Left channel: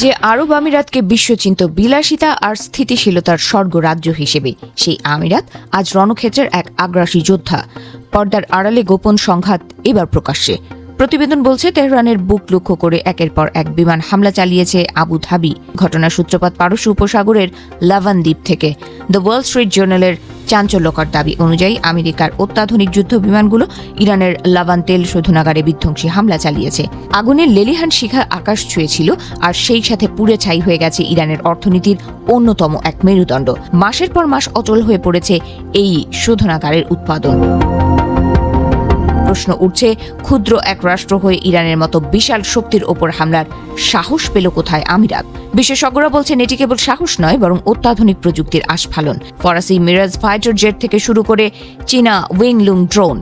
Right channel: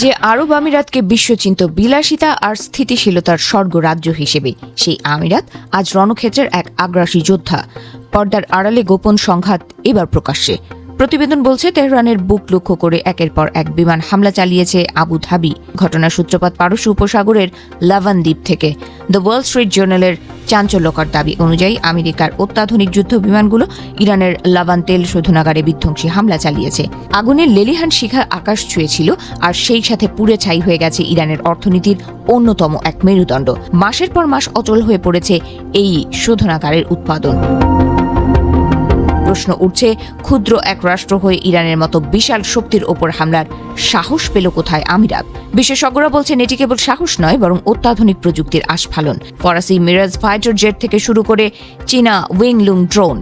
যে আরব আমিরাতকে বিশ্বচিন্ত বিলাসিতা আর স্থিতিশীলতার স্বর্গরাজ্য হিসেবে, সেই আমিরাত আজ রণক্ষেত্রের এক আগ্রাসী যোদ্ধা। পর্দার আড়ালে গোপন সংঘাত এবার প্রকাশ্যে। প্রতিবেদন বলছে, তেহরানের বুক লক্ষ্য করে একের পর এক বিমান হামলা চালিয়েছে আবু ধাবি। ঘটনার সূত্রপাত পারস্য উপসাগরের লাভান দ্বীপ থেকে। দ্য ওয়াল স্ট্রিট জার্নালের চাঞ্চল্যকর দাবি অনুযায়ী আমেরিকার অত্যাধুনিক যুদ্ধ বিমানগুলো ইরানের লাভান তেল শোধনাগারে বিধ্বংসী হামলা চালিয়েছে। আগুনের লেলিহান শিখা আকাশ ছুঁয়েছিল, আর সেই সাথে পুড়ে ছাই হয়ে গেছে ইরানের অর্থনীতির অন্যতম এক মেরুদণ্ড। মাসের পর মাস অচল হয়ে পড়েছে এই শোধনাগারের উৎপাদন। প্রশ্ন উঠছে, ক্ষুদ্র এক রাষ্ট্র হয়ে ইরানের মতো বিশাল শক্তির উপর হামলার সাহস পেল কোথায় আমিরাত? বিশেষজ্ঞরা বলছেন, এটি কেবল সাহস নয়, বরং অত্যাধুনিক প্রযুক্তির আস্ফালন। ফরাসি মিরাজ ফাইটার জেট থেকে শুরু করে চীনা উইংলুং ড্রোন,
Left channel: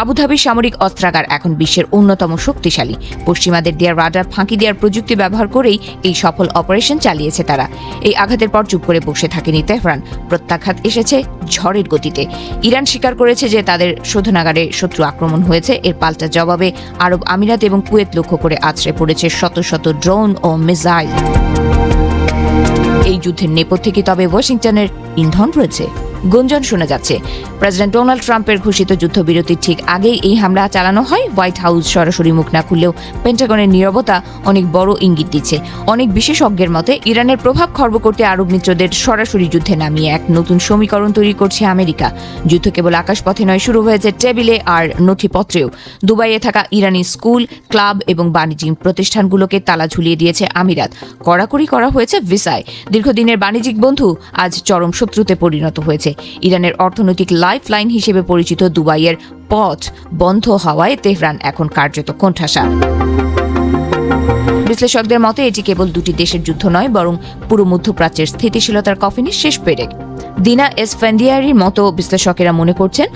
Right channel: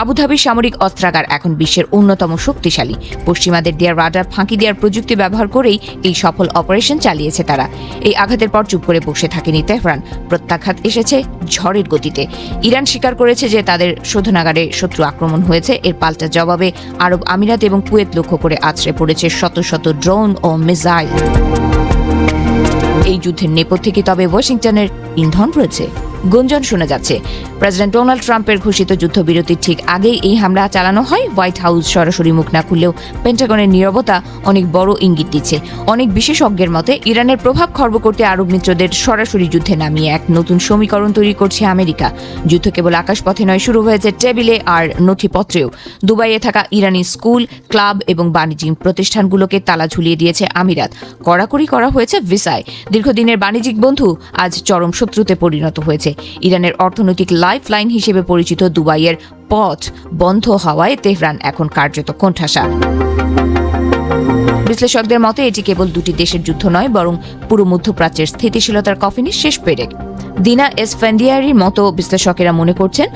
আবুধাবির সামরিক অস্ত্রাগার এখন বিশ্বের অন্যতম শক্তিশালী। পশ্চিমাদের দেওয়া রাডার ফাঁকি দেওয়ার প্রযুক্তি ব্যবহার করেই এই সফল অপারেশন চালিয়েছে তারা। এই আঘাতের পর চুপ করে বসে থাকেনি তেহরান। প্রত্যাঘাত এসেছে ঝড়ের গতিতে। ইরান স্বীকার করেছে যে তাদের শোধনাগারে শত্রু আক্রমণ হয়েছে। এর পাল্টা জবাবে আরব আমিরাত এবং কুয়েত লক্ষ্য করে আছড়ে পড়েছে শত শত ড্রোন ও মিসাইল। এই যুদ্ধের নেপথ্যে কি তবে ওয়াশিংটনের ইন্ধন রয়েছে? গুঞ্জন শোনা যাচ্ছে, প্রেসিডেন্ট ডোনাল্ড ট্রাম্পের ঘোষিত যুদ্ধবিরতির ঠিক আগেই এই হামলা চালানো হয়। হোয়াইট হাউস সরাসরি মুখ না খুললেও পেন্টাগনের নীরবতা অনেক বড় ইঙ্গিত দিচ্ছে। অনেক বিশেষজ্ঞের মতে, ইরানের প্রভাব খর্ব করতে আরব মিত্রদের সরাসরি যুদ্ধে নামিয়ে এক নতুন সমীকরণ তৈরি করছে আমেরিকা। যুদ্ধ কেবল আকাশপথে নয়, শুরু হয়েছে টেবিলে আর নথিপত্রেও। দুবাইয়ে থাকা ইরানি স্কুল, ক্লাব এবং বাণিজ্যিক প্রতিষ্ঠানগুলোকে তালা ঝুলিয়ে দিয়েছে আমিরাত। কড়াকড়ি করা হয়েছে ভিসায়। দীর্ঘদিনের বাণিজ্যিক বন্ধু আজ চরম শত্রুতে পরিণত হয়েছে। ইরানের অর্থনৈতিক লাইফ লাইন হিসেবে পরিচিত দুবাইয়ের পথ বন্ধ হওয়ায় তেহরান এখন কার্যত কোণঠাসা। বিশ্লেষকদের মতে, এটি কেবল দুটি দেশের যুদ্ধ নয়, বরং পুরো মধ্যপ্রাচ্যের স্থিতিশীলতার কফিনের শেষ পেরেক। দিনা এসফেন্ডিয়ারির মতো বিশ্লেষকেরা মনে করছেন,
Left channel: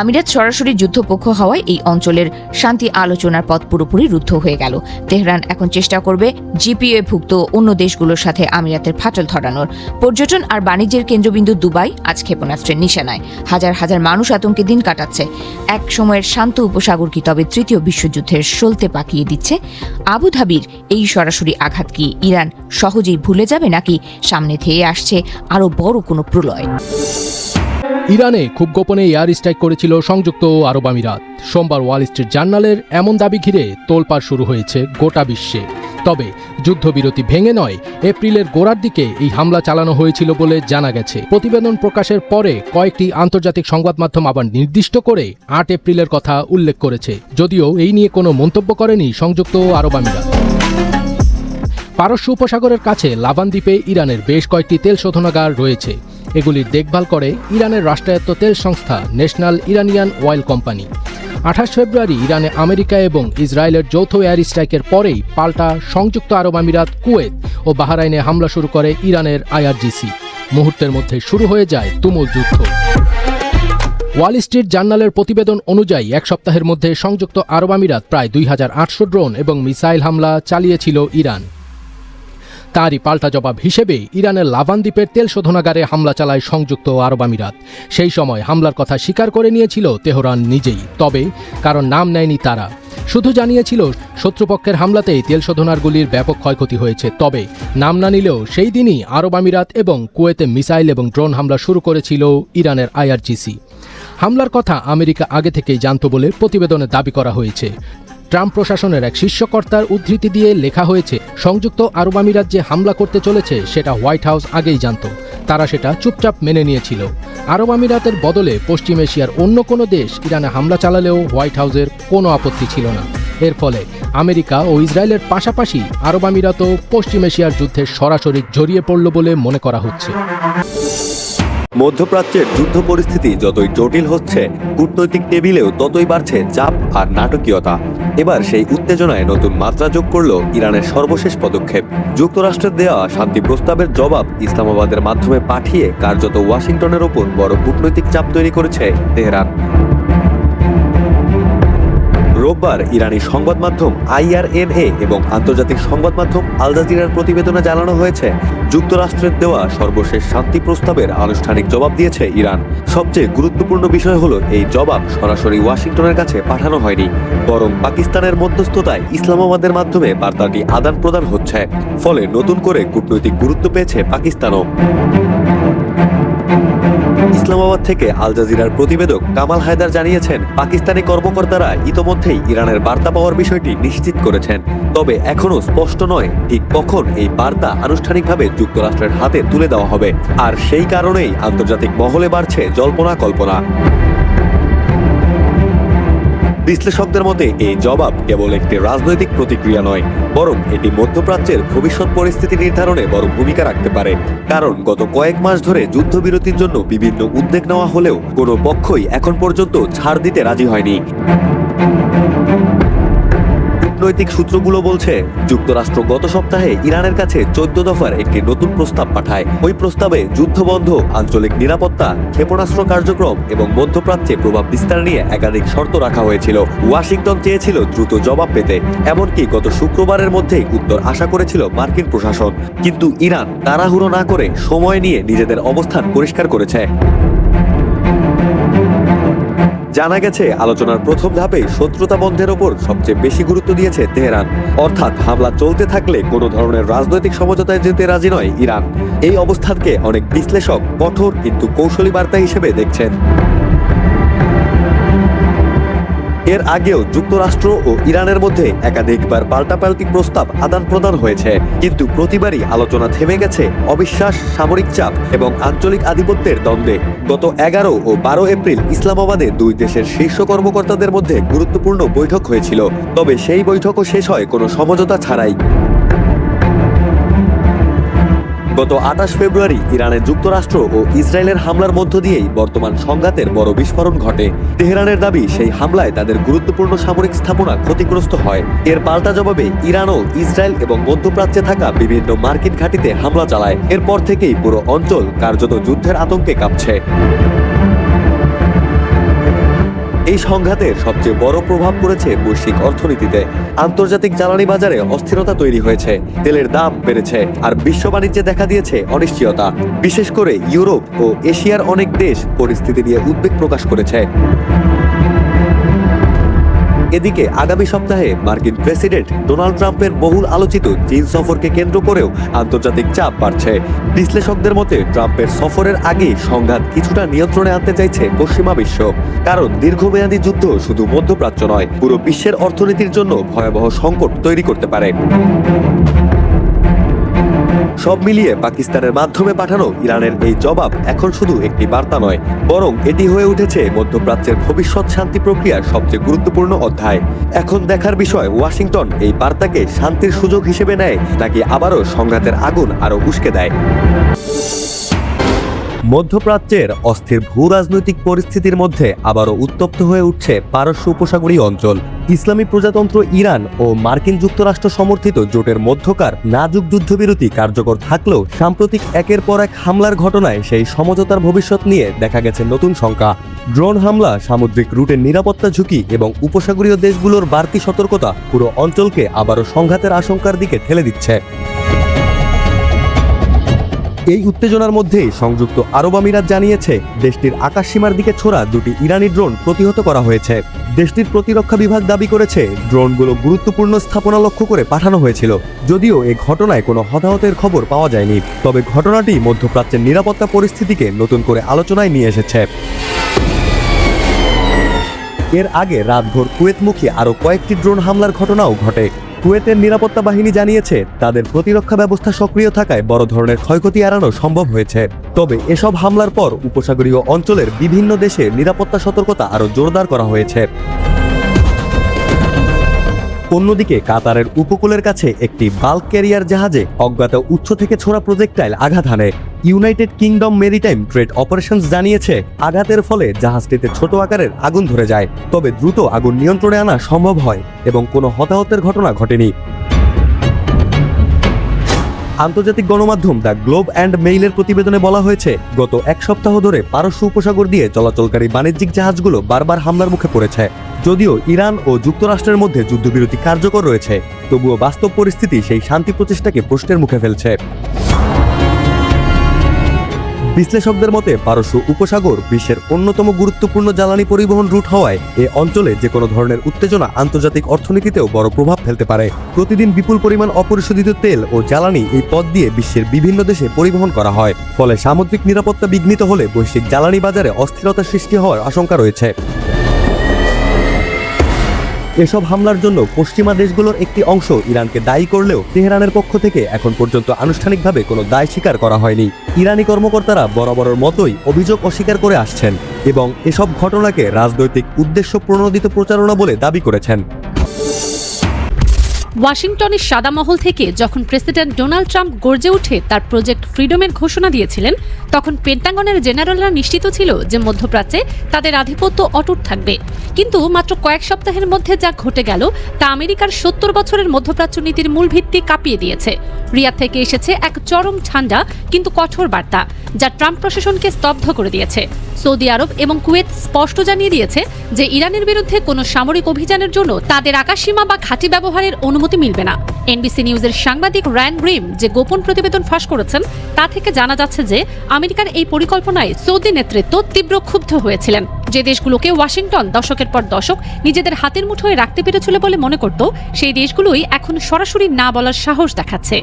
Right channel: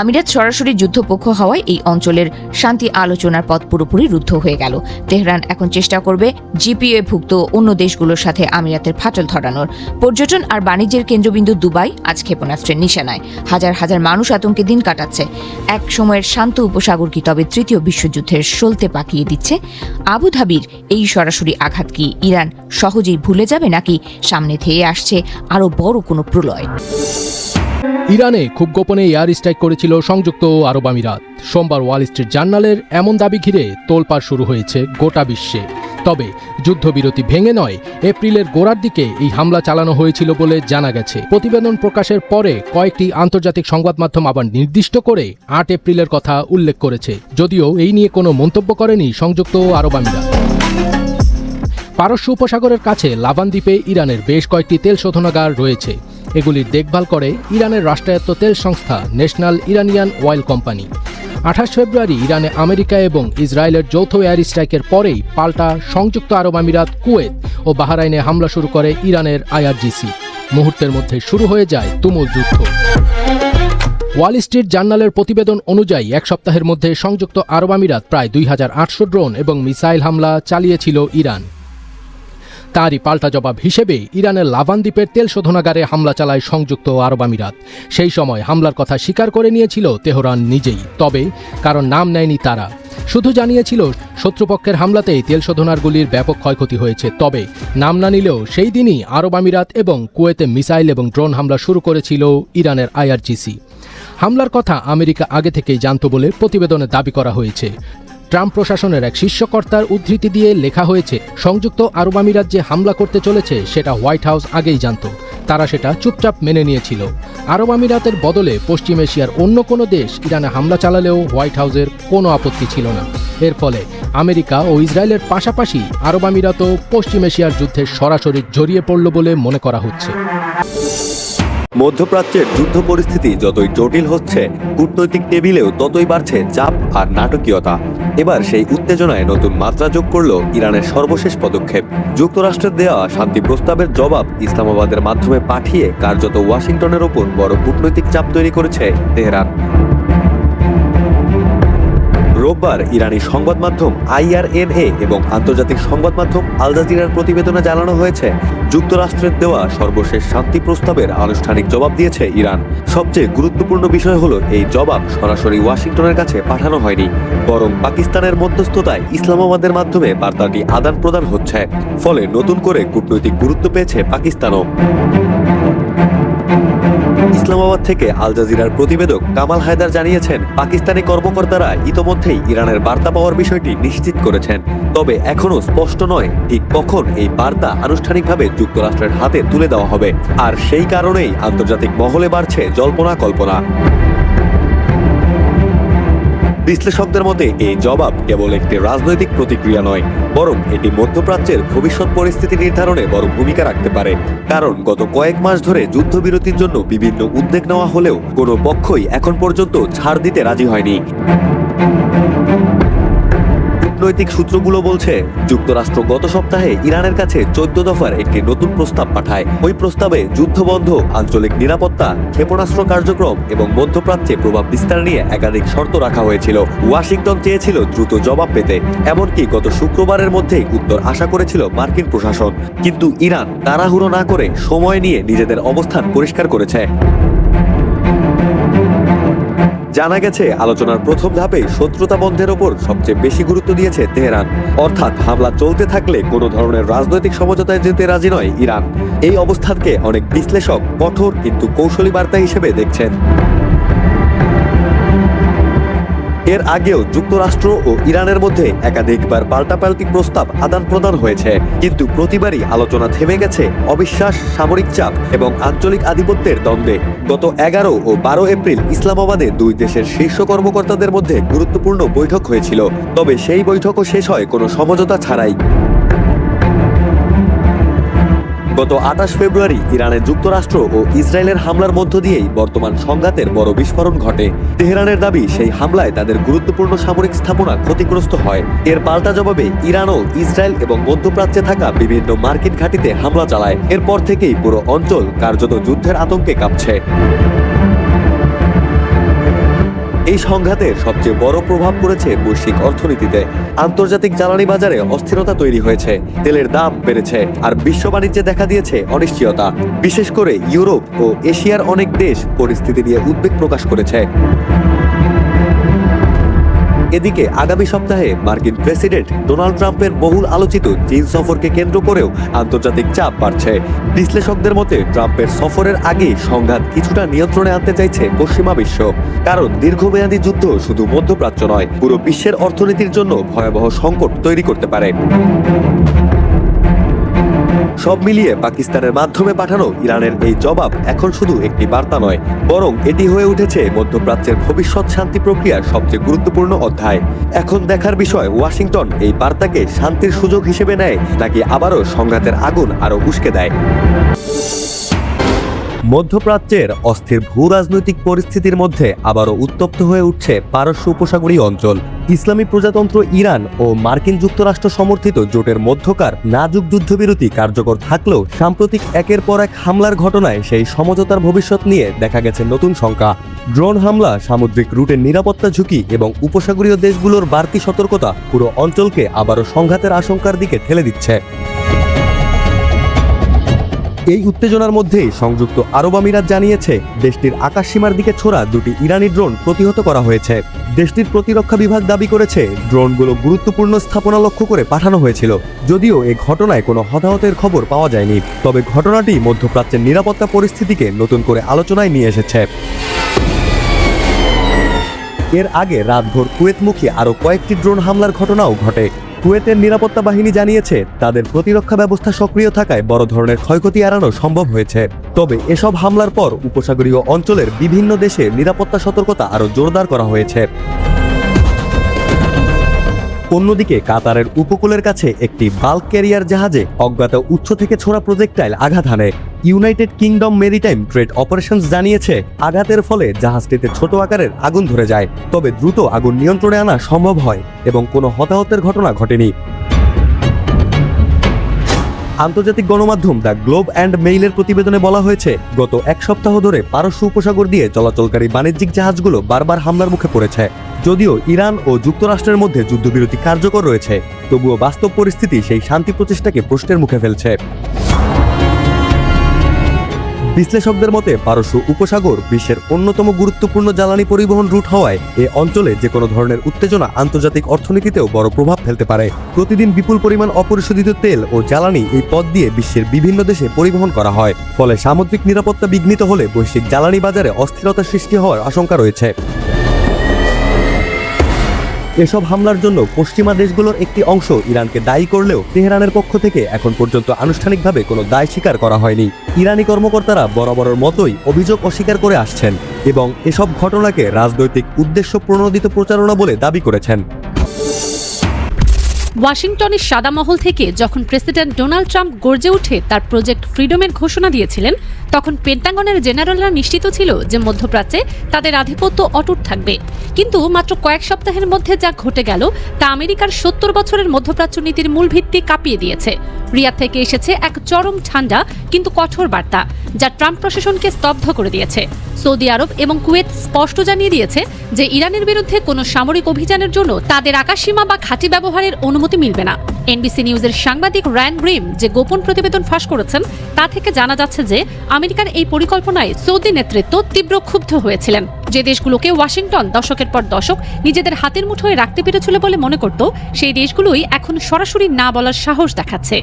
আমিরাত সরাসরি যুদ্ধপক্ষ হওয়ায় এই অঞ্চলের শান্তি আলোচনার পথ পুরোপুরি রুদ্ধ হয়ে গেল। তেহরান এখন চেষ্টা করবে জিপিএ ভুক্ত অন্য দেশগুলোর সাথে আমিরাতের ফাটল ধরানোর। পর্যটন আর বাণিজ্যের কেন্দ্রবিন্দু দুবাই আজ ক্ষেপণাস্ত্রের নিশানায়। হাজার হাজার মানুষ আতঙ্কে দিন কাটাচ্ছে। এক সময়ের শান্ত উপসাগর কি তবে তৃতীয় বিশ্বযুদ্ধের সলতে পাকিয়ে দিচ্ছে? আবুধাবির এই সরাসরি আঘাত কি ইরান সহজেই ভুলে যাবে, নাকি সামনে ধেয়ে আসছে আরো বড় কোনো প্রলয়? ইরানে খুব গোপনে এয়ার স্ট্রাইক করেছিল সংযুক্ত আরব আমিরাত। সোমবার ওয়াল স্ট্রিট জার্নালের এমন দাবি ঘিরে তোলপাড় শুরু হয়েছে গোটা বিশ্বে। তবে যুদ্ধবিরতি ভেঙে নয়, এপ্রিলের গোড়ার দিকে এই হামলা চালানো হয়েছিল বলে জানা গেছে। প্রতিবেদন প্রকাশের পরে কয়েকটি আন্তর্জাতিক সংবাদ মাধ্যম আবার নির্দিষ্ট করে 8 এপ্রিলের কথা উল্লেখ করেছে, যদিও এই নিয়ে কোনো মন্তব্য করেনি সংযুক্ত আরব আমিরাত। পারস্য উপসাগরের কাছে লাভান দ্বীপে ইরানের বেশ কয়েকটি তেল শোধনাগার রয়েছে। এগুলির দেখভাল করে ইরানের রাষ্ট্রায়ত্ত তেল সংস্থা ন্যাশনাল ইরানিয়ান অয়েল কোম্পানি। 28 ফেব্রুয়ারি ইরানে আমেরিকা এবং ইসরায়েলের যৌথ এয়ার স্ট্রাইকের পরেই পাল্টা সংযুক্ত আরব আমিরাত, কুয়েত ও বাহরাইনে হামলা শুরু করে ইরানের আইআরজিসি। মুহূর্তের মধ্যে শুরু হয়ে যায় তুমুল যুদ্ধ। ওয়াল স্ট্রিট জার্নালের প্রতিবেদন অনুযায়ী এক সপ্তাহের মধ্যে সংযুক্ত আরব আমিরাত প্রায় 2800 ড্রোন এবং মিসাইল হামলা চালিয়েছিল ইরান। তারই পাল্টা জবাব হিসেবে ইরানের লাভান দ্বীপের তেল শোধনাগারে হামলা চালায় সংযুক্ত আরব আমিরাত। সেই সময় হামলার কথা স্বীকার করে নিয়েছিল তেহরান নিজেই, তবে কারণ নাম নেয়নি তারা। শুধু জানিয়েছিল শত্রুপক্ষের হামলাতে তেল শোধনাগারগুলির ব্যাপক ক্ষয়ক্ষতি হয়েছে। তবে নাম না নিলেও সেই দিনই আরব আমিরাত এবং কুয়েতে মিসাইল এবং ড্রোন হামলা শুরু করেছিল ইরানের আইআরজিসি। হামলার কথা আমেরিকা আগে থেকেই জানত বলে প্রতিবেদনে দাবি করা হয়েছে। ট্রাম্প প্রশাসনের এক শীর্ষকর্তার উদ্ধৃতি দিয়ে লেখা হয়েছে, সংযুক্ত আরব আমিরাত যে হামলা করতে চলেছে সেটা হোয়াইট হাউস আগেই জানত। তারা সেটা চুপচাপ মেনে নিয়েছিল। আরব আমিরাতের বদলে পশ্চিম এশিয়ার অন্য কোনো দেশ ইরানে হামলা চালালেও হোয়াইট হাউসের কোনো আপত্তি ছিল না। এর ফলে আমেরিকা ও ইসরায়েলের পাশাপাশি আরব আমিরাতও পশ্চিম এশিয়ার যুদ্ধে সরাসরি জড়িয়ে পড়ল বলে মনে করা হচ্ছে। মধ্যপ্রাচ্যের যুদ্ধ পরিস্থিতি যতই জটিল হচ্ছে, কূটনৈতিক টেবিলেও ততই বাড়ছে চাপ আর নাটকীয়তা। এবার সেই উত্তেজনায় নতুন মাত্রা যোগ করল ইরানের সর্বশেষ পদক্ষেপ। যুক্তরাষ্ট্রের দেওয়া শান্তি প্রস্তাবের জবাব ইসলামাবাদের মাধ্যমে পাঠিয়ে কার্যত ওয়াশিংটনের ওপর বড় কূটনৈতিক চাপ তৈরি করেছে তেহরান। রোববার রোববার ইরানি সংবাদ মাধ্যম IRNA এবং আন্তর্জাতিক সংবাদ মাধ্যম আল জাজিরার প্রতিবেদনে জানানো হয়েছে, যুক্তরাষ্ট্রের দেওয়া সর্বশেষ শান্তি প্রস্তাবের আনুষ্ঠানিক জবাব দিয়েছে ইরান। সবচেয়ে গুরুত্বপূর্ণ বিষয় হলো এই জবাব সরাসরি ওয়াশিংটনের কাছে পাঠানো হয়নি, বরং পাকিস্তানের মধ্যস্থতায় ইসলামাবাদের মাধ্যমে বার্তাটি আদান প্রদান হচ্ছে। ফলে নতুন করে কূটনৈতিক গুরুত্ব পেয়েছে পাকিস্তানও। ইসলামাবাদ থেকে আল জাজিরার প্রতিবেদক কামাল হায়দার জানিয়েছেন, পাকিস্তানি কর্মকর্তারা ইতোমধ্যেই ইরানের বার্তা পাওয়ার বিষয়টি নিশ্চিত করেছেন। তবে এখনো স্পষ্ট নয় ঠিক কখন এই বার্তা আনুষ্ঠানিকভাবে যুক্তরাষ্ট্রের হাতে তুলে দেওয়া হবে। আর সেই কারণেই আন্তর্জাতিক মহলে বাড়ছে জল্পনা কল্পনা। বিশ্লেষকদের মতে এই জবাব কেবল একটি রাজনৈতিক প্রতিক্রিয়া নয়, বরং এটি মধ্যপ্রাচ্যের ভবিষ্যৎ পরিস্থিতি নির্ধারণে বড় ভূমিকা রাখতে পারে। কারণ গত কয়েক মাস ধরে যুদ্ধবিরতির জন্য বিভিন্ন উদ্যোগ নেওয়া হলেও কোনো পক্ষই এখন পর্যন্ত ছাড় দিতে রাজি হয়নি। কূটনৈতিক সূত্রগুলো বলছে, যুক্তরাষ্ট্র গত সপ্তাহে ইরানের কাছে 14 দফার একটি নতুন প্রস্তাব পাঠায়। ওই প্রস্তাবে যুদ্ধবন্ধ, আঞ্চলিক নিরাপত্তা, ক্ষেপণাস্ত্র কার্যক্রম এবং মধ্যপ্রাচ্যে প্রভাব বিস্তার নিয়ে একাধিক শর্ত রাখা হয়েছিল। ওয়াশিংটন চেয়েছিল দ্রুত জবাব পেতে, এমনকি গত শুক্রবারের মধ্যেই উত্তর আশা করেছিল মার্কিন প্রশাসন। কিন্তু ইরান তাড়াহুড়ো না করে সময় নিয়ে নিজেদের অবস্থান পরিষ্কার করেছে। জানা গেছে, আলোচনার প্রথম ধাপে শত্রুতা বন্ধের ওপর সবচেয়ে বেশি গুরুত্ব দিয়েছে তেহরান। অর্থাৎ হামলা চলতে থাকলে কোনো ধরনের রাজনৈতিক সমঝোতায় যেতে রাজি নয় ইরান। এই অবস্থানকে অনেক বিশ্লেষক কঠোর কিন্তু কৌশলী বার্তা হিসেবে দেখছেন। এর আগেও যুক্তরাষ্ট্র ও ইরানের মধ্যে একাধিকবার পাল্টাপাল্টি প্রস্তাব আদান প্রদান হয়েছে, কিন্তু প্রতিবারই আলোচনা থেমে গেছে অবিশ্বাস, সামরিক চাপ এবং আঞ্চলিক আধিপত্যের দ্বন্দ্বে। গত 11 ও 12 এপ্রিল ইসলামাবাদে দুই দেশের শীর্ষ কর্মকর্তাদের মধ্যে গুরুত্বপূর্ণ বৈঠক হয়েছিল, তবে সেই বৈঠকও শেষ হয় কোনো সমঝোতা ছাড়াই। গত 28 ফেব্রুয়ারি ইরানে যুক্তরাষ্ট্র ও ইসরায়েলের হামলার মধ্য দিয়েই বর্তমান সংঘাতের বড় বিস্ফোরণ ঘটে। তেহরানের দাবি, সেই হামলায় তাদের গুরুত্বপূর্ণ সামরিক স্থাপনা ক্ষতিগ্রস্ত হয়। এর পাল্টা জবাবে ইরানও ইসরায়েল এবং মধ্যপ্রাচ্যে থাকা বিভিন্ন মার্কিন ঘাঁটিতে হামলা চালায়। এরপর থেকেই পুরো অঞ্চল কার্যত যুদ্ধের আতঙ্কে কাঁপছে। এই সংঘাতের সবচেয়ে বড় প্রভাব পড়েছে বৈশ্বিক অর্থনীতিতে। আন্তর্জাতিক জ্বালানি বাজারে অস্থিরতা তৈরি হয়েছে, তেলের দাম বেড়েছে, আর বিশ্ব বাণিজ্যে দেখা দিয়েছে অনিশ্চয়তা। বিশেষ করে ইউরোপ ও এশিয়ার অনেক দেশ পরিস্থিতি নিয়ে উদ্বেগ প্রকাশ করেছে। এদিকে আগামী সপ্তাহে মার্কিন প্রেসিডেন্ট ডোনাল্ড ট্রাম্পের বহুল আলোচিত চীন সফরকে কেন্দ্র করেও আন্তর্জাতিক চাপ বাড়ছে। বিশ্লেষকদের মতে, ট্রাম্পের সফরের আগে সংঘাত কিছুটা নিয়ন্ত্রণে আনতে চাইছে পশ্চিমা বিশ্ব। কারণ দীর্ঘমেয়াদী যুদ্ধ শুধু মধ্যপ্রাচ্য নয়, পুরো বিশ্বের অর্থনীতির জন্য ভয়াবহ সংকট তৈরি করতে পারে। সব মিলিয়ে পাকিস্তানের মাধ্যমে পাঠানো ইরানের এই জবাব এখন শুধু একটি বার্তা নয়, বরং এটি হয়ে উঠেছে মধ্যপ্রাচ্যের ভবিষ্যৎ শান্তি প্রক্রিয়ার সবচেয়ে গুরুত্বপূর্ণ অধ্যায়। এখন দেখার বিষয়, ওয়াশিংটন এই বার্তাকে শান্তির সুযোগ হিসেবে নেয় নাকি আবারও সংঘাতের আগুন আরো উস্কে দেয়। মধ্যপ্রাচ্যের অস্থির ভূ রাজনৈতিক পরিস্থিতির মধ্যে আবারও উত্তপ্ত হয়ে উঠছে পারস্য উপসাগরীয় অঞ্চল। ইসলামী প্রজাতন্ত্র ইরান ও মার্কিন যুক্তরাষ্ট্র সমর্থিত জোটের মধ্যকার নাজুক যুদ্ধবিরতি কার্যকর থাকলেও সাম্প্রতিক একের পর এক হামলার ঘটনায় সেই সমঝোতার ভবিষ্যৎ নিয়ে দেখা গেছে নতুন শঙ্কা। ড্রোন হামলা, সামুদ্রিক রুটের নিরাপত্তা ঝুঁকি এবং উপসাগরীয় দেশগুলোর বাড়তি সতর্কতা পুরো অঞ্চলকে আবারও সংঘাতের আশঙ্কার দিকে ঠেলে দিচ্ছে। এই উত্তেজনার মধ্যেই সংযুক্ত আরব আমিরাত জানিয়েছে, দেশটির আকাশসীমার দিকে ছোড়া দুটি ইরানি ড্রোন প্রতিহত করা হয়েছে। দেশটির প্রতিরক্ষা বিভাগ দাবি করেছে, ড্রোনগুলো গুরুত্বপূর্ণ স্থাপনা লক্ষ্য করে পাঠানো হয়েছিল। যদিও এই ঘটনায় কোনো হতাহতের খবর পাওয়া যায়নি, তবে ঘটনাটি মধ্যপ্রাচ্যের নিরাপত্তা পরিস্থিতিকে নতুন করে আলোচনায় নিয়ে এসেছে। এর আগে রাতভর কুয়েতমুখী আরও কয়েকটি ড্রোন হামলার ঘটনাও ঘটে। কুয়েতের নিরাপত্তা বাহিনী জানিয়েছে, তাদের প্রতিরক্ষা ব্যবস্থা সক্রিয় থাকায় বড় ধরনের ক্ষয়ক্ষতি এড়ানো সম্ভব হয়েছে। তবে এসব হামলার পর উপসাগরীয় অঞ্চলের বিভিন্ন দেশে নিরাপত্তা সতর্কতা আরও জোরদার করা হয়েছে। অন্যদিকে কাতারের উপকূলের কাছে একটি বাল্ক ক্যারিয়ার জাহাজে অজ্ঞাত উৎস থেকে ছোড়া প্রজেক্টাইল আঘাত হানে। United kingdom maritime trade operations জানিয়েছে, আঘাতের ফলে জাহাজটিতে ছোট আকারের আগুন ধরে যায়, তবে দ্রুত আগুন নিয়ন্ত্রণে আনা সম্ভব হয় এবং কোনো হতাহতের ঘটনা ঘটেনি। আন্তর্জাতিক গণমাধ্যম দ্য গ্লোব অ্যান্ড মেইলের প্রতিবেদনে বলা হয়েছে, গত এক সপ্তাহ ধরে পারস্য উপসাগর দিয়ে চলাচলকারী বাণিজ্যিক জাহাজগুলো বারবার হামলার মুখে পড়েছে। যদিও ইরান ও যুক্তরাষ্ট্রের মধ্যে যুদ্ধবিরতি কার্যকর রয়েছে, তবুও বাস্তব পরিস্থিতি সেই শান্তি প্রচেষ্টাকে প্রশ্নের মুখে ফেলছে। বিশ্লেষকদের মতে পারস্য উপসাগর বিশ্বের অন্যতম গুরুত্বপূর্ণ জ্বালানি পরিবহন রুট হওয়ায় এ অঞ্চলে যে কোনো ধরনের উত্তেজনা আন্তর্জাতিক অর্থনীতিতেও বড় প্রভাব ফেলতে পারে। প্রতিদিন বিপুল পরিমাণ অপরিশোধিত তেল ও জ্বালানি এই পথ দিয়ে বিশ্বের বিভিন্ন দেশে পরিবহন করা হয়, ফলে সামুদ্রিক নিরাপত্তা বিঘ্নিত হলে বৈশ্বিক জ্বালানি বাজারে অস্থিরতা সৃষ্টি হওয়ার আশঙ্কা রয়েছে। এসব হামলার জন্য পশ্চিমা দেশগুলোর একটি অংশ ইরানকে দায়ী করলেও তেহরানের পক্ষ থেকে এখন পর্যন্ত আনুষ্ঠানিকভাবে কোনো দায় স্বীকার করা হয়নি। ইরানি কর্মকর্তারা বরাবরের মতোই অভিযোগ অস্বীকার করে আসছেন এবং এসব ঘটনাকে রাজনৈতিক উদ্দেশ্য প্রণোদিত প্রচারণা বলে দাবি করেছেন। ওয়াশিংটনের সাদা মহল থেকে যখন প্রেসিডেন্ট ডোনাল্ড ট্রাম্প গর্জে উঠে তার প্রজেক্ট ফ্রিডমের ঘোষণা দিয়েছিলেন, তখন পেন্টাগনের জেনারেলরা নিশ্চিত ছিল যে মধ্যপ্রাচ্যে তাদের আধিপত্য অটুট থাকবে। কিন্তু মাত্র কয়েক সপ্তাহের মধ্যে যা ঘটে গেল তা আমেরিকার 70 বছরের মধ্যপ্রাচ্য নীতির মূল ভিত্তি কাঁপিয়ে দিয়েছে। রিয়াদ থেকে এসেছে এক চরম ঠান্ডা কিন্তু কঠোর বার্তা, যা ট্রাম্প প্রশাসনকে স্তব্ধ করে দিয়েছে। সৌদি আরব এবং কুয়েত স্পষ্ট জানিয়ে দিয়েছে যে ইরানের বিরুদ্ধে কোনো সামরিক অভিযানের জন্য তাদের আকাশসীমা বা ঘাঁটি ব্যবহারের অনুমতি মিলবে না। এনবিসি নিউজের সাংবাদিক রায়ান গ্রিম যে গোপন প্রতিবেদন ফাঁস করেছেন, তা থেকে জানা যাচ্ছে যে আমেরিকার এই পরিকল্পনায় সৌদি নেতৃত্ব তীব্র ক্ষুব্ধ হয়েছিলেন। যে দেশগুলোকে ওয়াশিংটন দশকের পর দশক নিজেদের হাতের মুঠোয় রাখতে পেরেছিল বলে মনে করত, সেই দেশগুলোই এখন সরাসরি না বলার সাহস দেখাচ্ছে।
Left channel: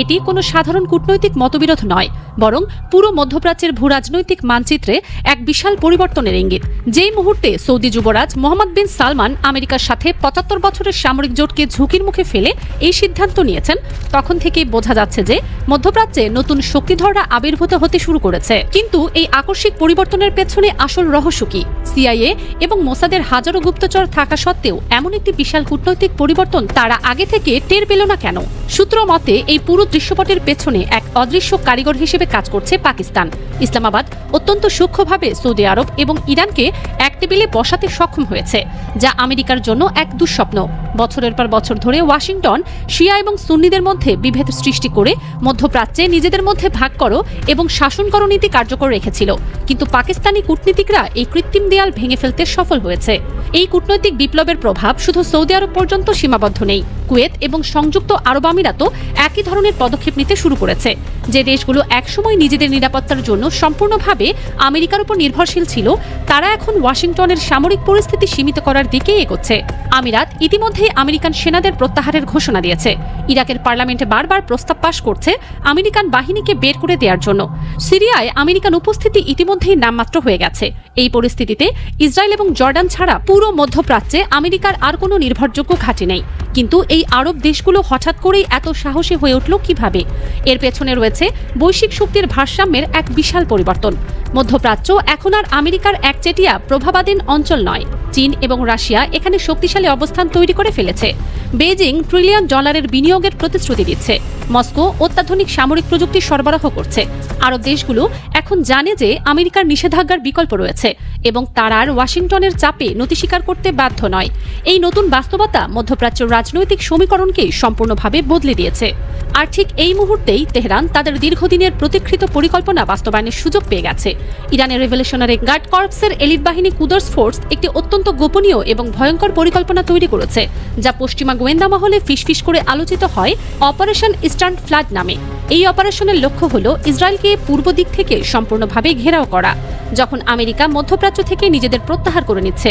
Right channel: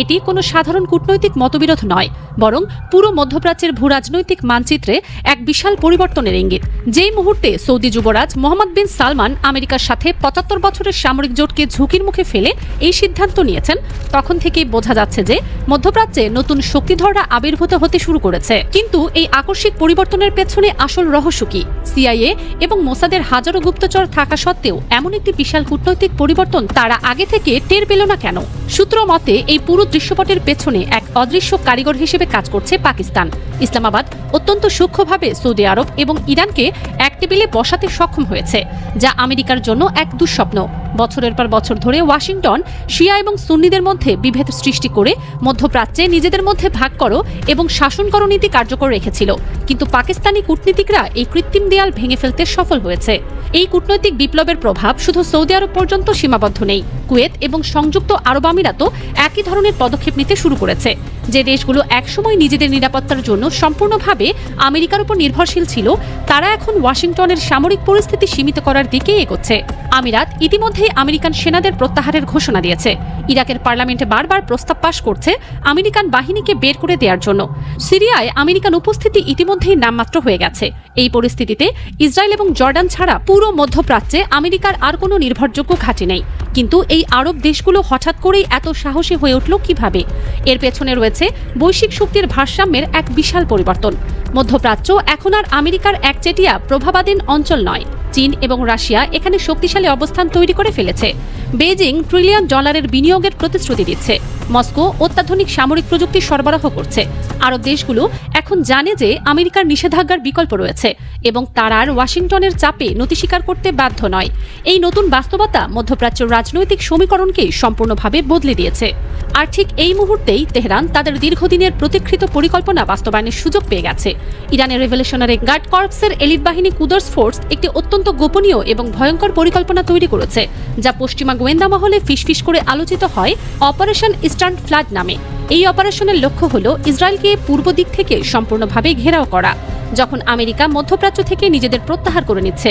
এটি কোনো সাধারণ কূটনৈতিক মতবিরোধ নয়, বরং পুরো মধ্যপ্রাচ্যের ভূরাজনৈতিক মানচিত্রে এক বিশাল পরিবর্তনের ইঙ্গিত। যেই মুহূর্তে সৌদি যুবরাজ মোহাম্মদ বিন সালমান আমেরিকার সাথে 75 বছরের সামরিক জোটকে ঝুঁকির মুখে ফেলে এই সিদ্ধান্ত নিয়েছেন, তখন থেকেই বোঝা যাচ্ছে যে মধ্যপ্রাচ্যে নতুন শক্তিধররা আবির্ভূত হতে শুরু করেছে। কিন্তু এই আকস্মিক পরিবর্তনের পেছনে আসল রহস্য কি? সিআইএ এবং মোসাদের হাজারো গুপ্তচর থাকা সত্ত্বেও এমন একটি বিশাল কূটনৈতিক পরিবর্তন তারা আগে থেকে টের পেল না কেন? সূত্র মতে এই পুরো দৃশ্যপটের পেছনে এক অদৃশ্য কারিগর হিসেবে কাজ করছে পাকিস্তান। ইসলামাবাদ অত্যন্ত সূক্ষ্মভাবে সৌদি আরব এবং ইরানকে এক টেবিলে বসাতে সক্ষম হয়েছে, যা আমেরিকার জন্য এক দুঃস্বপ্ন। বছরের পর বছর ধরে ওয়াশিংটন শিয়া এবং সুন্নিদের মধ্যে বিভেদ সৃষ্টি করে মধ্যপ্রাচ্যে নিজেদের মধ্যে ভাগ করো এবং শাসন করো নীতি কার্যকর রেখেছিল। কিন্তু পাকিস্তানি কূটনীতিকরা এই কৃত্রিম দেয়াল ভেঙে ফেলতে সফল হয়েছে। এই কূটনৈতিক বিপ্লবের প্রভাব শুধু সৌদি আরব পর্যন্ত সীমাবদ্ধ নেই। কুয়েত এবং সংযুক্ত আরব আমিরাতও একই ধরনের পদক্ষেপ নিতে শুরু করেছে। যে দেশগুলো একসময় নিজেদের নিরাপত্তার জন্য সম্পূর্ণভাবে আমেরিকার উপর নির্ভরশীল ছিল, তারা এখন ওয়াশিংটনের সামরিক পরিস্থিতি সীমিত করার দিকে এগোচ্ছে। আমিরাত ইতিমধ্যে আমেরিকান সেনাদের প্রত্যাহারের ঘোষণা দিয়েছে। ইরাকের পার্লামেন্টে বারবার প্রস্তাব পাশ করছে আমেরিকান বাহিনীকে বের করে দেওয়ার জন্য। সিরিয়ায় আমেরিকান উপস্থিতি ইতিমধ্যেই নামমাত্র হয়ে গেছে। এই পরিস্থিতিতে ইসরায়েল এবং জর্ডান ছাড়া পুরো মধ্যপ্রাচ্যে আমেরিকার আর কোনো নির্ভরযোগ্য ঘাঁটি নেই। কিন্তু এই আরব দেশগুলো হঠাৎ করেই এত সাহসী হয়ে উঠল কিভাবে? এর পেছনে রয়েছে বৈশ্বিক শক্তির ভারসাম্যের এক বিশাল পরিবর্তন। মধ্যপ্রাচ্য এখন আর আমেরিকার একচেটিয়া প্রভাবাধীন অঞ্চল নয়। চীন এবং রাশিয়া এখানে শক্তিশালী অবস্থান তৈরি করে ফেলেছে। বেইজিং $1 ট্রিলিয়ন বিনিয়োগের প্রতিশ্রুতি দিচ্ছে। মস্কো অত্যাধুনিক সামরিক প্রযুক্তি সরবরাহ করছে। আরব দেশগুলো এখন জানে যে আমেরিকার নিষেধাজ্ঞার বিকল্প রয়েছে এবং তারা আর ওয়াশিংটনের চাপে নতি স্বীকার করতে বাধ্য নয়। এই নতুন বাস্তবতা মধ্যপ্রাচ্যের রাজনৈতিক সমীকরণকে সম্পূর্ণভাবে বদলে দিয়েছে। আর ঠিক এই মুহূর্তেই তেহরান তাদের দীর্ঘদিনের প্রতীক্ষিত পরিকল্পনা বাস্তবায়নের সুযোগ পেয়ে গেছে। ইরানের রেভলিউশনারি গার্ড কর্পসের এলিট বাহিনী কুদস ফোর্স একটি অত্যন্ত গোপনীয় এবং ভয়ঙ্কর পরিকল্পনা তৈরি করেছে, যা পশ্চিমা গোয়েন্দা মহলে ফিসফিস করে আলোচিত হয় অপারেশন ইস্টার্ন ফ্লাড নামে। এই অপারেশনের লক্ষ্য হল ইসরায়েলকে পূর্ব দিক থেকে সম্পূর্ণভাবে ঘেরাও করা, যখন আমেরিকা মধ্যপ্রাচ্য থেকে নিজেদের প্রত্যাহার করে নিচ্ছে।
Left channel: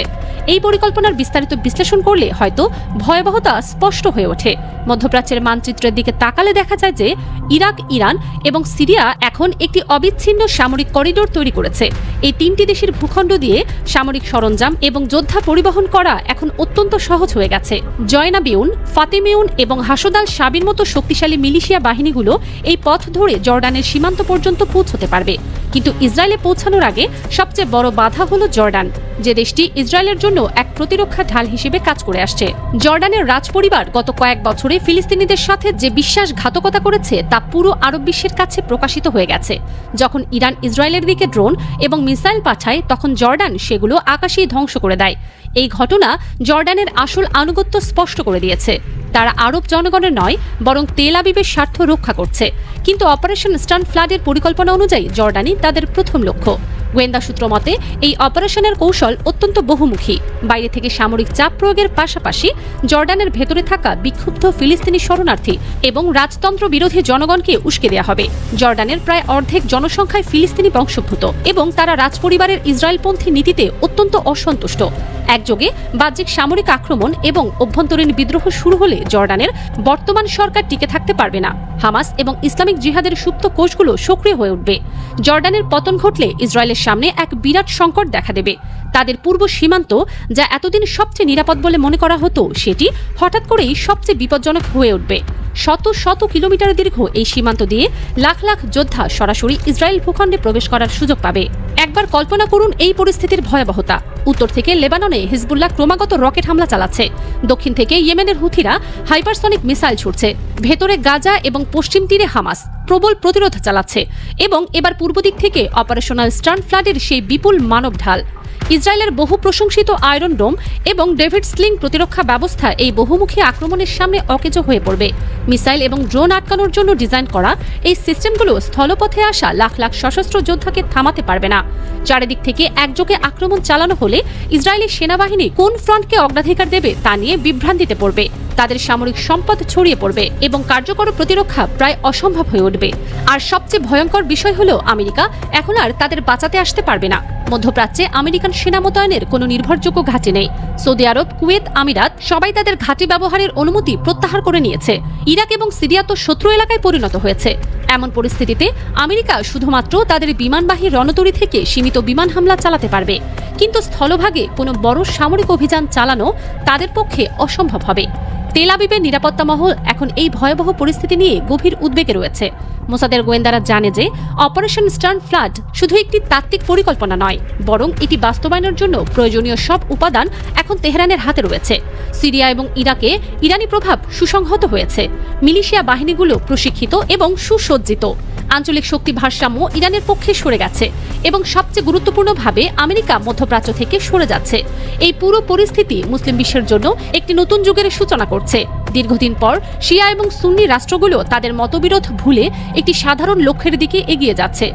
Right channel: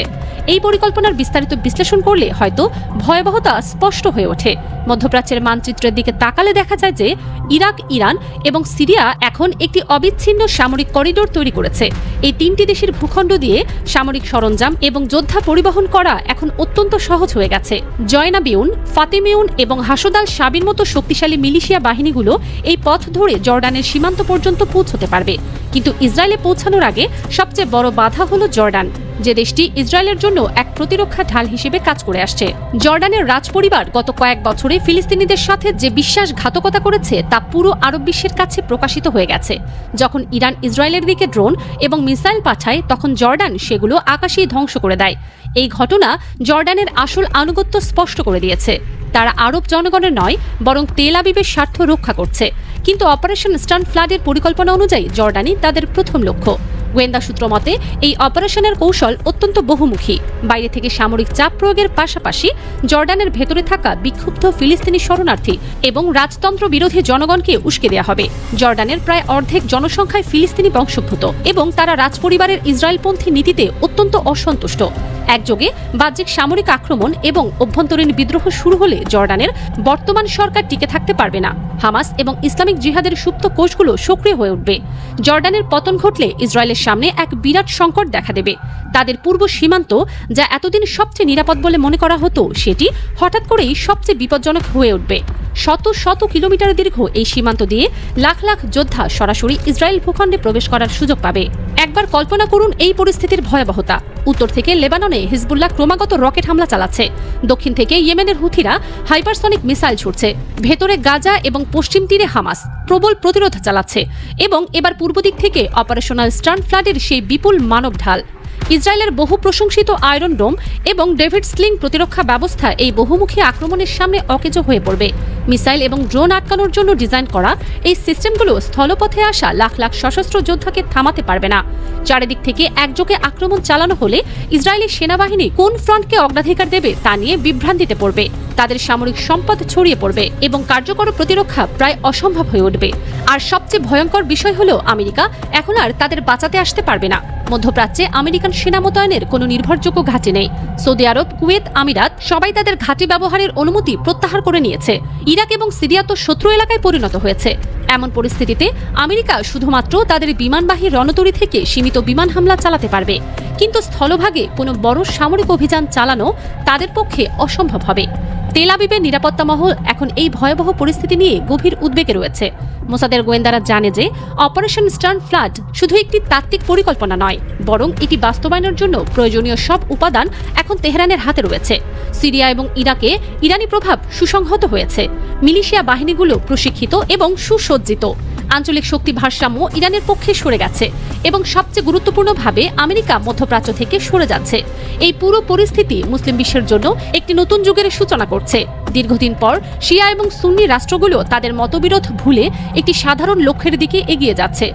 এই পরিকল্পনার বিস্তারিত বিশ্লেষণ করলে হয়তো ভয়াবহতা স্পষ্ট হয়ে ওঠে। মধ্যপ্রাচ্যের মানচিত্রের দিকে তাকালে দেখা যায় যে ইরাক, ইরান এবং সিরিয়া এখন একটি অবিচ্ছিন্ন সামরিক করিডোর তৈরি করেছে। এই তিনটি দেশের ভূখণ্ড দিয়ে সামরিক সরঞ্জাম এবং যোদ্ধা পরিবহন করা এখন অত্যন্ত সহজ হয়ে গেছে। জয়নাবিউন, ফাতেমেউন এবং হাসুদাল শাবির মতো শক্তিশালী মিলিশিয়া বাহিনীগুলো এই পথ ধরে জর্ডানের সীমান্ত পর্যন্ত পৌঁছতে পারবে। কিন্তু ইসরায়েলে পৌঁছানোর আগে সবচেয়ে বড় বাধা হলো জর্ডান। যে দেশটি ইসরায়েলের জন্য এক প্রতিরক্ষা ঢাল হিসেবে কাজ করে আসছে। জর্ডানের রাজপরিবার গত কয়েক বছরে ফিলিস্তিনিদের সাথে যে বিশ্বাসঘাতকতা করেছে তা পুরো আরব বিশ্বের কাছে প্রকাশিত হয়ে গেছে। যখন ইরান ইসরায়েলের দিকে ড্রোন এবং মিসাইল পাঠায় তখন জর্ডান সেগুলো আকাশেই ধ্বংস করে দেয়। এই ঘটনা জর্ডানের আসল আনুগত্য স্পষ্ট করে দিয়েছে। তারা আরব জনগণের নয় বরং তেল আবিবের স্বার্থ রক্ষা করছে। কিন্তু অপারেশন স্টার্ন ফ্লাডের পরিকল্পনা অনুযায়ী জর্ডানই তাদের প্রথম লক্ষ্য। গোয়েন্দা সূত্র মতে এই অপারেশনের কৌশল অত্যন্ত বহুমুখী। বাইরে থেকে সামরিক চাপ প্রয়োগের পাশাপাশি জর্ডানের ভেতরে থাকা বিক্ষুব্ধ ফিলিস্তিনি শরণার্থী এবং রাজতন্ত্র বিরোধী জনগণকে উস্কে দেওয়া হবে। জর্ডানের প্রায় অর্ধেক জনসংখ্যায় ফিলিস্তিনি বংশোদ্ভূত এবং তারা রাজপরিবারের ইসরায়েলপন্থী নীতিতে অত্যন্ত অসন্তুষ্ট। একযোগে বাহ্যিক সামরিক আক্রমণ এবং অভ্যন্তরীণ বিদ্রোহ শুরু হলে জর্ডানের বর্তমান সরকার টিকে থাকতে পারবে না। হামাস এবং ইসলামিক জিহাদের সুপ্ত কোষগুলো সক্রিয় হয়ে উঠবে। জর্ডানের পতন ঘটলে ইসরায়েলের সামনে এক বিরাট সংকট দেখা দেবে। তাদের পূর্ব সীমান্ত, যা এতদিন সবচেয়ে নিরাপদ বলে মনে করা হতো, সেটি হঠাৎ করে সবচেয়ে বিপজ্জনক হয়ে উঠবে। শত শত কিলোমিটার দীর্ঘ এই সীমান্ত দিয়ে লাখ লাখ যোদ্ধা সরাসরি ইসরায়েল ভূখণ্ডে প্রবেশ করার সুযোগ পাবে। একবার কল্পনা করুন এই পরিস্থিতির ভয়াবহতা। উত্তর থেকে লেবাননে হিজবুল্লাহ ক্রমাগত রকেট হামলা চালাচ্ছে। দক্ষিণ থেকে ইয়েমেনের হুথিরা হাইপারসনিক মিসাইল ছুড়ছে। ভেতরে গাজা এবং পশ্চিম তীরে হামাস প্রবল প্রতিরোধ চালাচ্ছে। এবং এবার পূর্ব দিক থেকে অপারেশনাল স্টার্ন ফ্লাডের সেই বিপুল মানব ঢাল। ইসরায়েলের বহু প্রশংসিত আয়রন ডোম এবং ডেভিড স্লিং প্রতিরক্ষা ব্যবস্থা এই বহুমুখী আক্রমণের সামনে অকেজো হয়ে পড়বে। মিসাইল এবং ড্রোন আটকানোর জন্য ডিজাইন করা এই সিস্টেমগুলো স্থলপথে আসা লাখ লাখ সশস্ত্র যোদ্ধাকে থামাতে পারবে না। চারিদিক থেকে একযোগে আক্রমণ চালানো হলে ইসরায়েলের সেনাবাহিনী কোন ফ্রন্টকে অগ্রাধিকার দেবে তা নিয়ে বিভ্রান্তিতে পড়বে। তাদের সামরিক সম্পদ ছড়িয়ে পড়বে এবং কার্যকর প্রতিরক্ষা প্রায় অসম্ভব হয়ে উঠবে। আর সবচেয়ে ভয়ঙ্কর বিষয় হলো আমেরিকা এখন আর তাদের বাঁচাতে আসতে পারবে না। মধ্যপ্রাচ্যে আমেরিকান সেনা মোতায়েনের কোনো নির্ভরযোগ্য ঘাঁটি নেই। সৌদি আরব, কুয়েত, আমিরাত সবাই তাদের ঘাঁটি ব্যবহারের অনুমতি প্রত্যাহার করে নিয়েছে। ইরাক এবং সিরিয়া তো শত্রু এলাকায় পরিণত হয়েছে। এমন পরিস্থিতিতে আমেরিকা শুধুমাত্র তাদের বিমানবাহী রণতরী থেকে সীমিত বিমান হামলা চালাতে পারবে। কিন্তু স্থলভাগে কোনো বড় সামরিক অভিযান চালানো তাদের পক্ষে অসম্ভব হবে। তেল আবিবের নিরাপত্তা মহল এখন এই ভয়াবহ পরিস্থিতি নিয়ে গভীর উদ্বেগে রয়েছে। মোসাদের গোয়েন্দারা জানে যে অপারেশন স্টার্ন ফ্লাড শুধু একটি তাত্ত্বিক পরিকল্পনা নয়, বরং এটি বাস্তবায়নের জন্য প্রয়োজনীয় সব উপাদান এখন তেহরানের হাতে রয়েছে। সিরিয়া এবং ইরাকে ইরানি প্রভাব সুসংহত হয়েছে। মিলিশিয়া বাহিনীগুলো প্রশিক্ষিত এবং সুসজ্জিত। আঞ্চলিক শক্তি ভারসাম্য ইরানের পক্ষে সরে গেছে এবং সবচেয়ে গুরুত্বপূর্ণভাবে আমেরিকা মধ্যপ্রাচ্য থেকে সরে যাচ্ছে। এই পুরো পরিস্থিতি মুসলিম বিশ্বের জন্য একটি নতুন যুগের সূচনা করছে। দীর্ঘদিন পর শিয়া এবং সুন্নি রাষ্ট্রগুলো তাদের মতবিরোধ ভুলে একটি সাধারণ লক্ষ্যের দিকে এগিয়ে যাচ্ছে।